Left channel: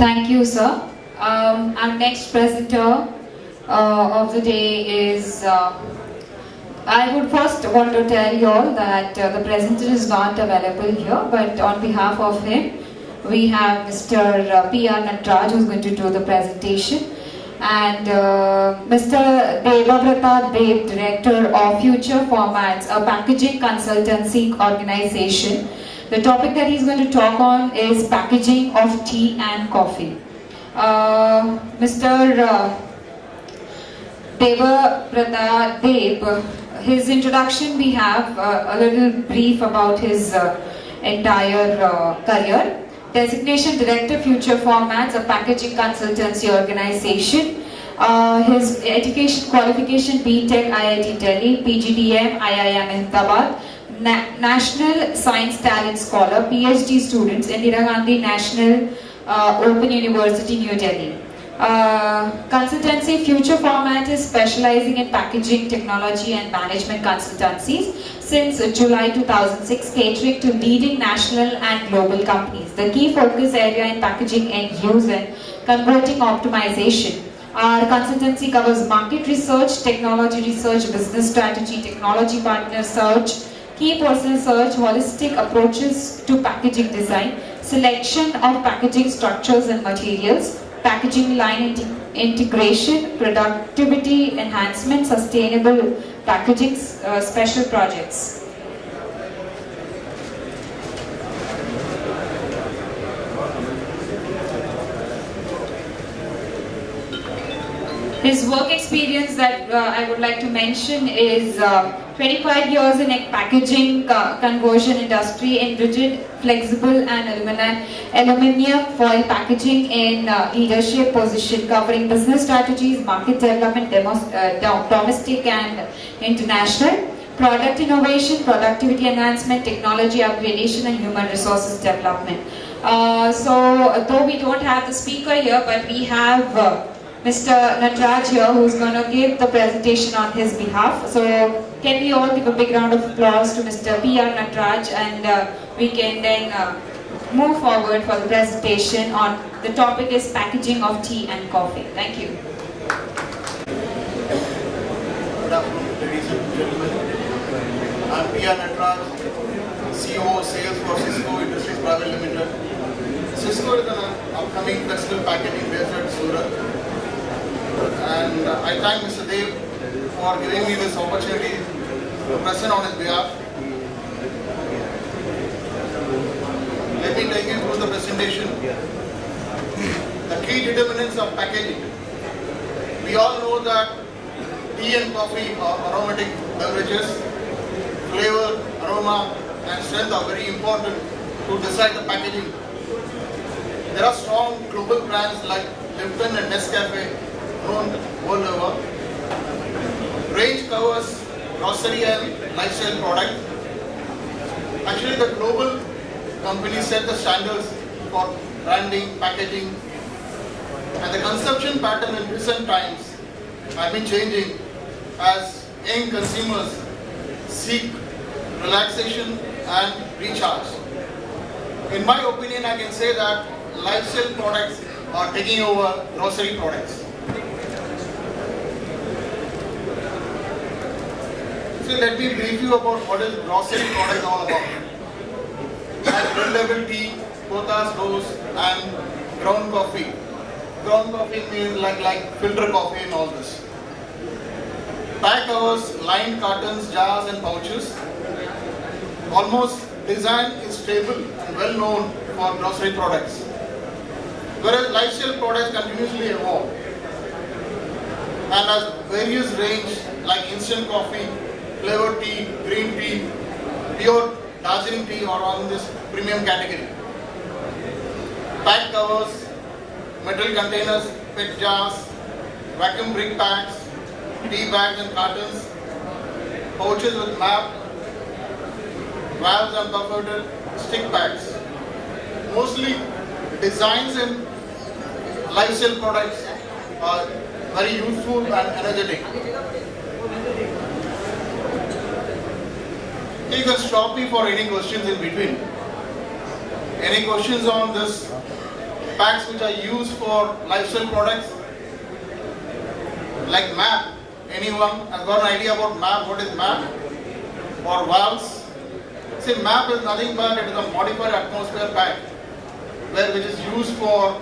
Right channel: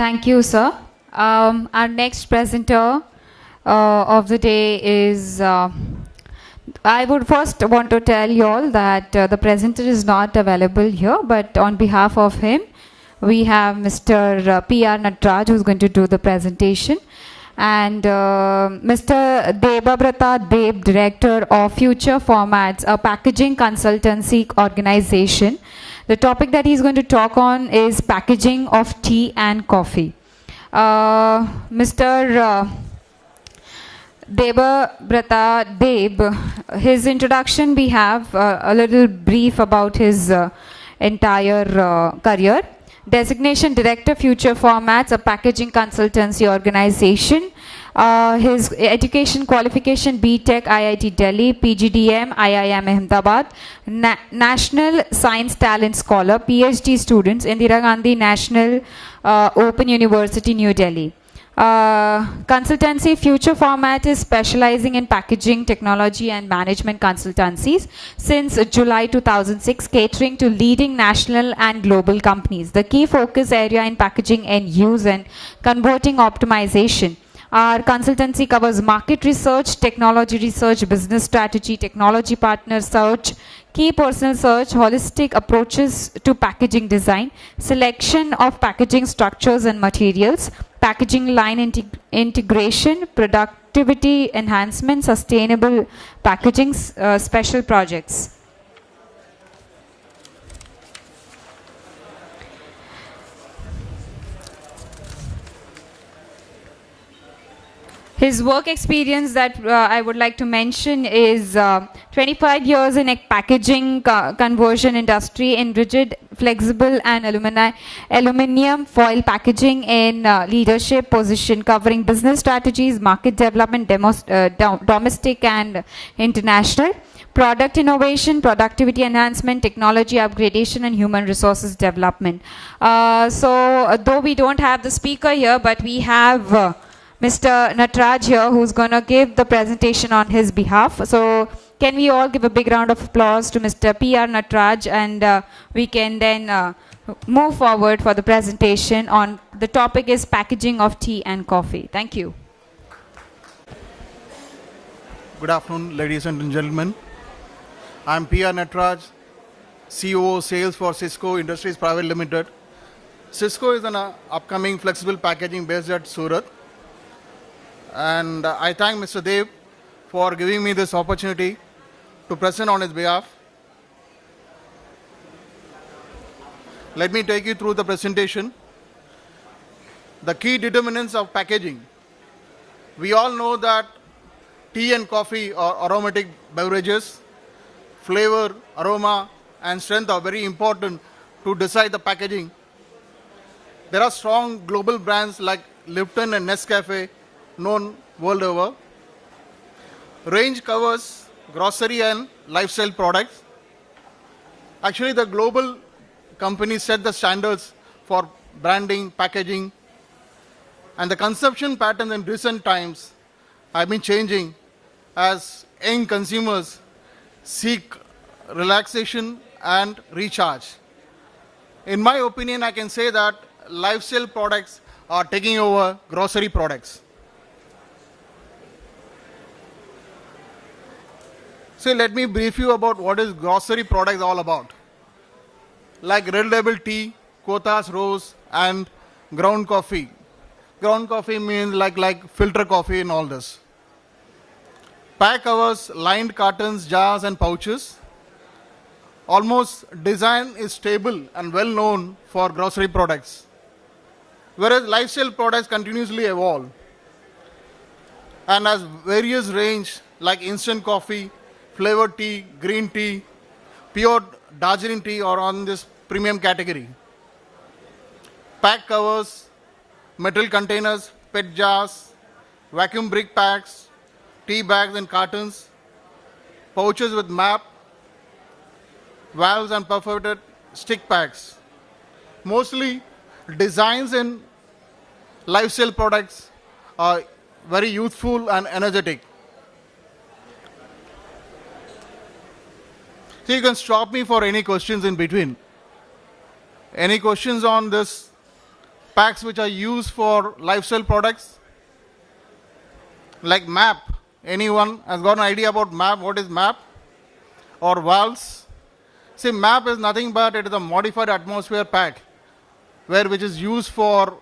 Thank you, sir. Our next presenter of the day is. I would first want to tell you all that the presenter is not available here, but on behalf of him, we have Mr. P.R. Natraj who's going to do the presentation, and Mr. Debabrata Deb, Director of Future Formats, a packaging consultancy organization. The topic that he's going to talk on is packaging of tea and coffee. Mr. Debabrata Deb, his introduction we have a little brief about his entire career. Designation Director, Future Formats, a packaging consultancy organization. His education qualification BTech IIT Delhi, PGDM IIM Ahmedabad, National Science Talent Scholar, PhD students, Indira Gandhi National Open University, New Delhi. Consultancy Future Format is specializing in packaging technology and management consultancies since July 2006, catering to leading national and global companies. The key focus area in packaging end use and converting optimization. Our consultancy covers market research, technology research, business strategy, technology partner search, key person search, holistic approaches to packaging design, selection of packaging structures and materials, packaging line integration, productivity enhancement, sustainable packaging, special projects. His work experience that I would like to mention is 25 years in a packaging conversion industry in rigid, flexible and aluminium foil packaging in leadership position, covering business strategies, market development, domestic and international, product innovation, productivity enhancement, technology upgradation and human resources development. So though we don't have the speaker here, but we have Mr. Natraj here, who's going to give the presentation on his behalf. So can we all give a big round of applause to Mr. P.R. Natraj, and we can then move forward for the presentation on the topic is packaging of tea and coffee. Thank you. Good afternoon, ladies and gentlemen. I'm P.R. Natraj, COO Sales for Cisco Industries Private Limited. Cisco is an upcoming flexible packaging based at Surat. And I thank Mr. Dev for giving me this opportunity to present on his behalf. Let me take you through the presentation. The key determinants of packaging. We all know that tea and coffee are aromatic beverages. Flavor, aroma and strength are very important to decide the packaging. There are strong global brands like Lipton and Nescafe known world over. Range covers grocery and lifestyle products. Actually, the global companies set the standards for branding, packaging, and the consumption pattern in recent times have been changing as young consumers seek relaxation and recharge. In my opinion, I can say that lifestyle products are taking over grocery products. So let me brief you about what is grocery product all about. Like Red Label tea, Kothas Rose and ground coffee. Ground coffee means like filter coffee and all this. Pack covers lined cartons, jars and pouches. Almost design is stable and well known for grocery products. Whereas lifestyle products continuously evolve and has various range like instant coffee, flavored tea, green tea, pure Darjeeling tea or on this premium category. Pack covers, metal containers, PET jars, vacuum brick packs, tea bags and cartons, pouches with map, valves and perforated stick packs. Mostly designs in lifestyle products are very youthful and energetic. You can stop me for any questions in between. Any questions on this packs which are used for lifestyle products, like MAP. Anyone has got an idea about MAP? What is MAP? Or valves? See, MAP is nothing but it is a modified atmosphere pack, which is used for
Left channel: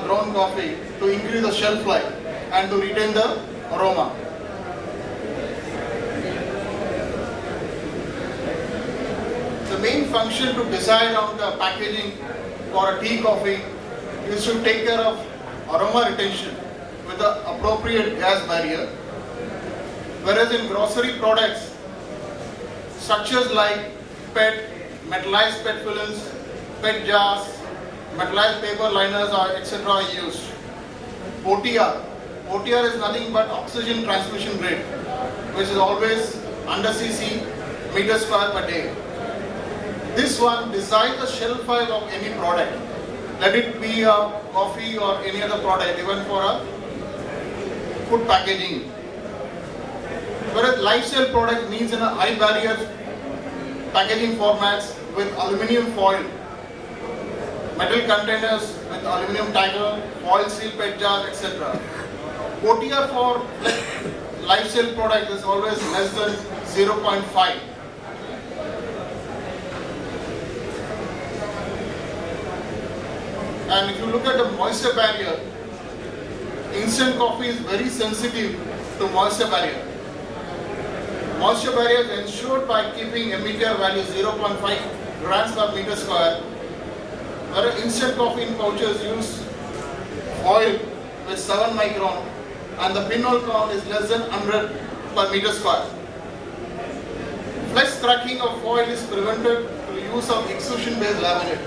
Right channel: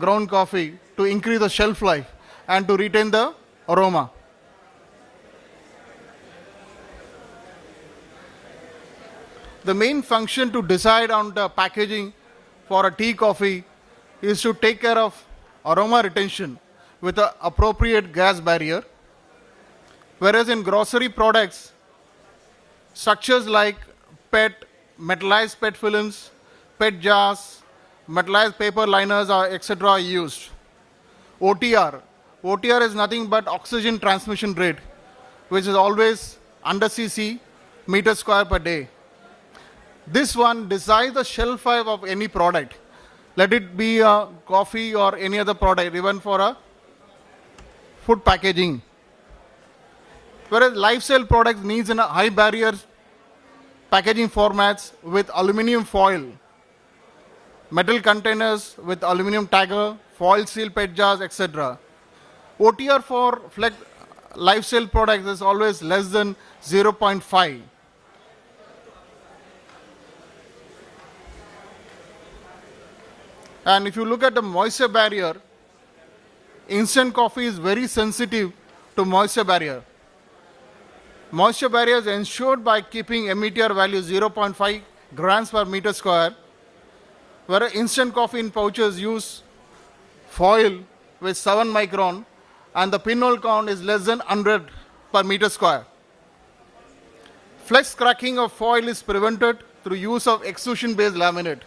ground coffee to increase the shelf life and to retain the aroma. The main function to decide on the packaging for a tea coffee is to take care of aroma retention with the appropriate gas barrier, whereas in grocery products, structures like PET, metallized PET films, PET jars, metallized paper liners, etc. are used. OTR is nothing but oxygen transmission rate, which is always under cc meter square per day. This one decides the shelf life of any product. Let it be a coffee or any other product, even for a food packaging. Whereas lifestyle product needs in a high barrier packaging formats with aluminium foil, metal containers with aluminium tagger, foil seal PET jars, etc. OTR for lifestyle products is always less than 0.5. And if you look at the moisture barrier, instant coffee is very sensitive to moisture barrier. Moisture barrier is ensured by keeping METR value 0.5 grams per meter square, whereas instant coffee in pouches use foil with 7 micron and the pinhole count is less than 100 per meter square. Flex cracking of foil is prevented through use of extrusion based laminate.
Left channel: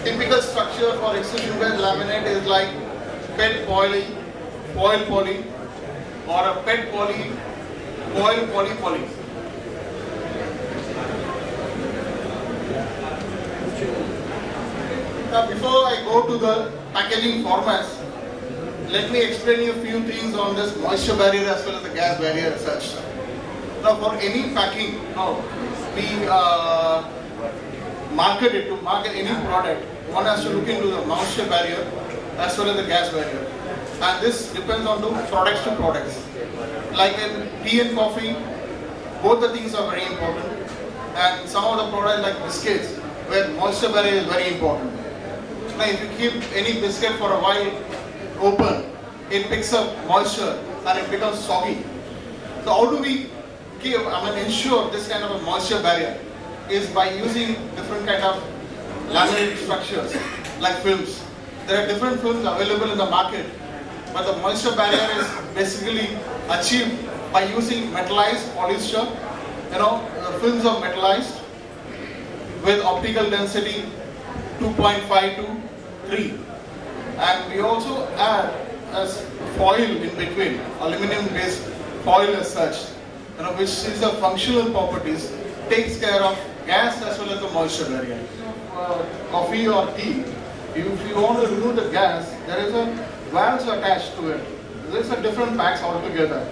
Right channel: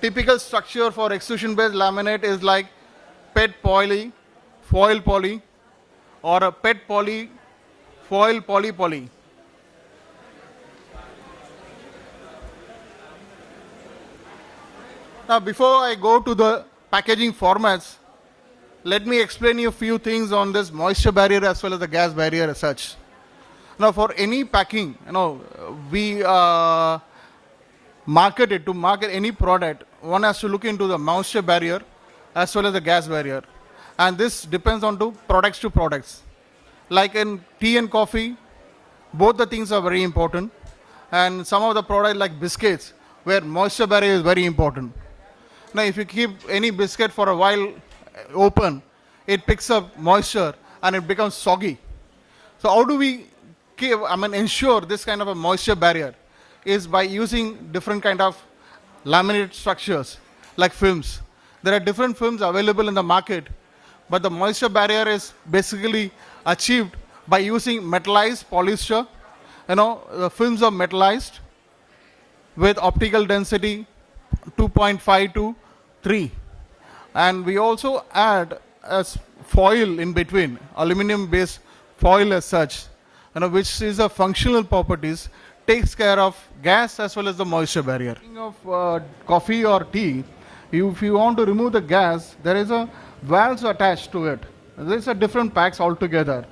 Typical structure for extrusion based laminate is like PET poly, foil poly, or a PET poly, foil poly poly. Now before I go to the packaging formats, let me explain you a few things on this moisture barrier as well as the gas barrier as such. Now for any packing, we to market any product, one has to look into the moisture barrier as well as the gas barrier. And this depends on to products. Like in tea and coffee, both the things are very important. And some of the products like biscuits, where moisture barrier is very important. Now if you keep any biscuit for a while open, it picks up moisture and it becomes soggy. So how do we ensure this kind of a moisture barrier? Is by using different kind of laminate structures like films. There are different films available in the market, but the moisture barrier is basically achieved by using metallized polyester. The films are metallized with optical density 2.5 to 3, and we also add as foil in between, aluminum based foil as such, which is a functional properties, takes care of gas as well as the moisture barrier. Coffee or tea, if you want to remove the gas, there is a valves attached to it. There's a different packs altogether.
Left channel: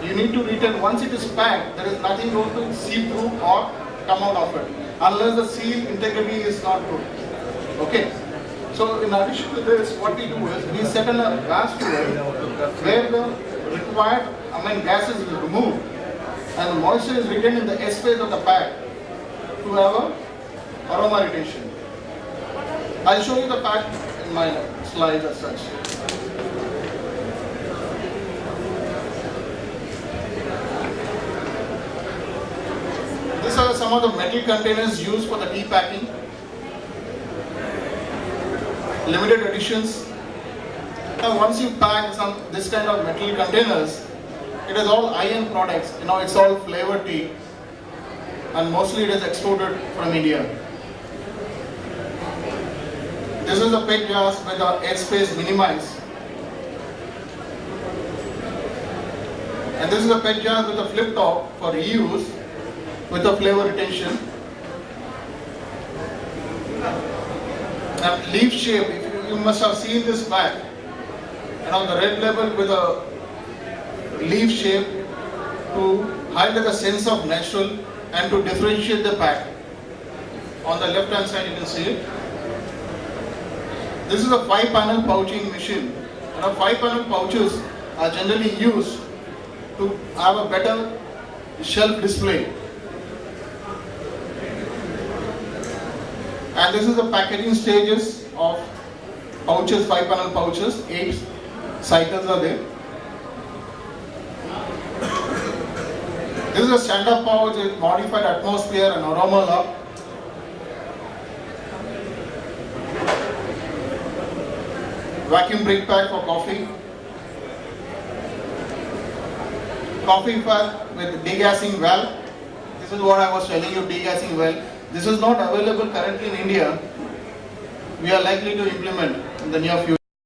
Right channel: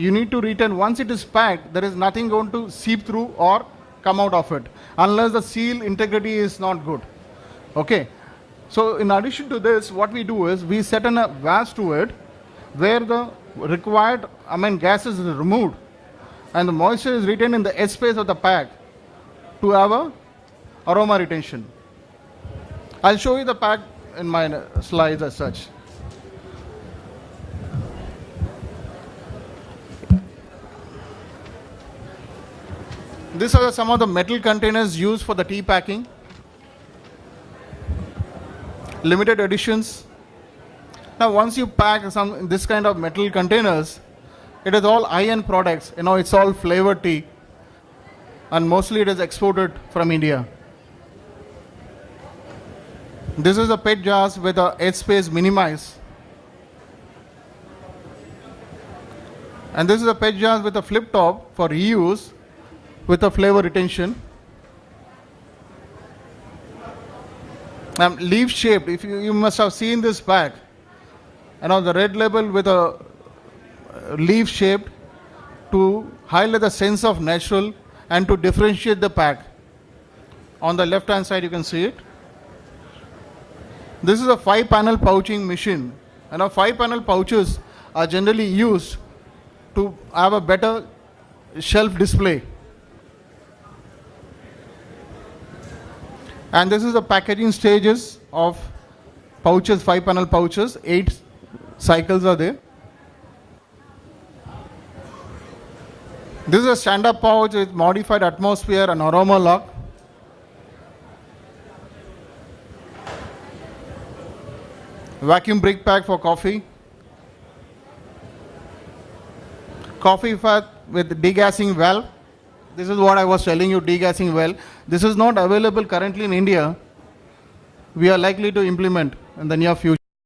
You need to retain, once it is packed, there is nothing going to seep through or come out of it, unless the seal integrity is not good. Okay. So in addition to this, what we do is we set in a gas to it where the required gas is removed and the moisture is retained in the S space of the pack to have a aroma retention. I'll show you the pack in my slides as such. These are some of the metal containers used for the tea packing. Limited editions. Now once you pack this kind of metal containers, it is all high-end products. It's all flavored tea, and mostly it is exported from India. This is a PET jars with a edge space minimized, and this is a PET jar with a flip top for reuse with a flavor retention. And leaf shape, if you must have seen this pack, the red label with a leaf shape to highlight the sense of natural and to differentiate the pack. On the left hand side you can see it. This is a 5-panel pouching machine. 5-panel pouches are generally used to have a better shelf display. And this is the packaging stages of pouches, 5-panel pouches. 8 cycles are there. This is a stand-up pouch with modified atmosphere and aroma lock. Vacuum brake pack for coffee. Coffee fat with degassing valve. This is what I was telling you, degassing valve. This is not available currently in India. We are likely to implement in the near future.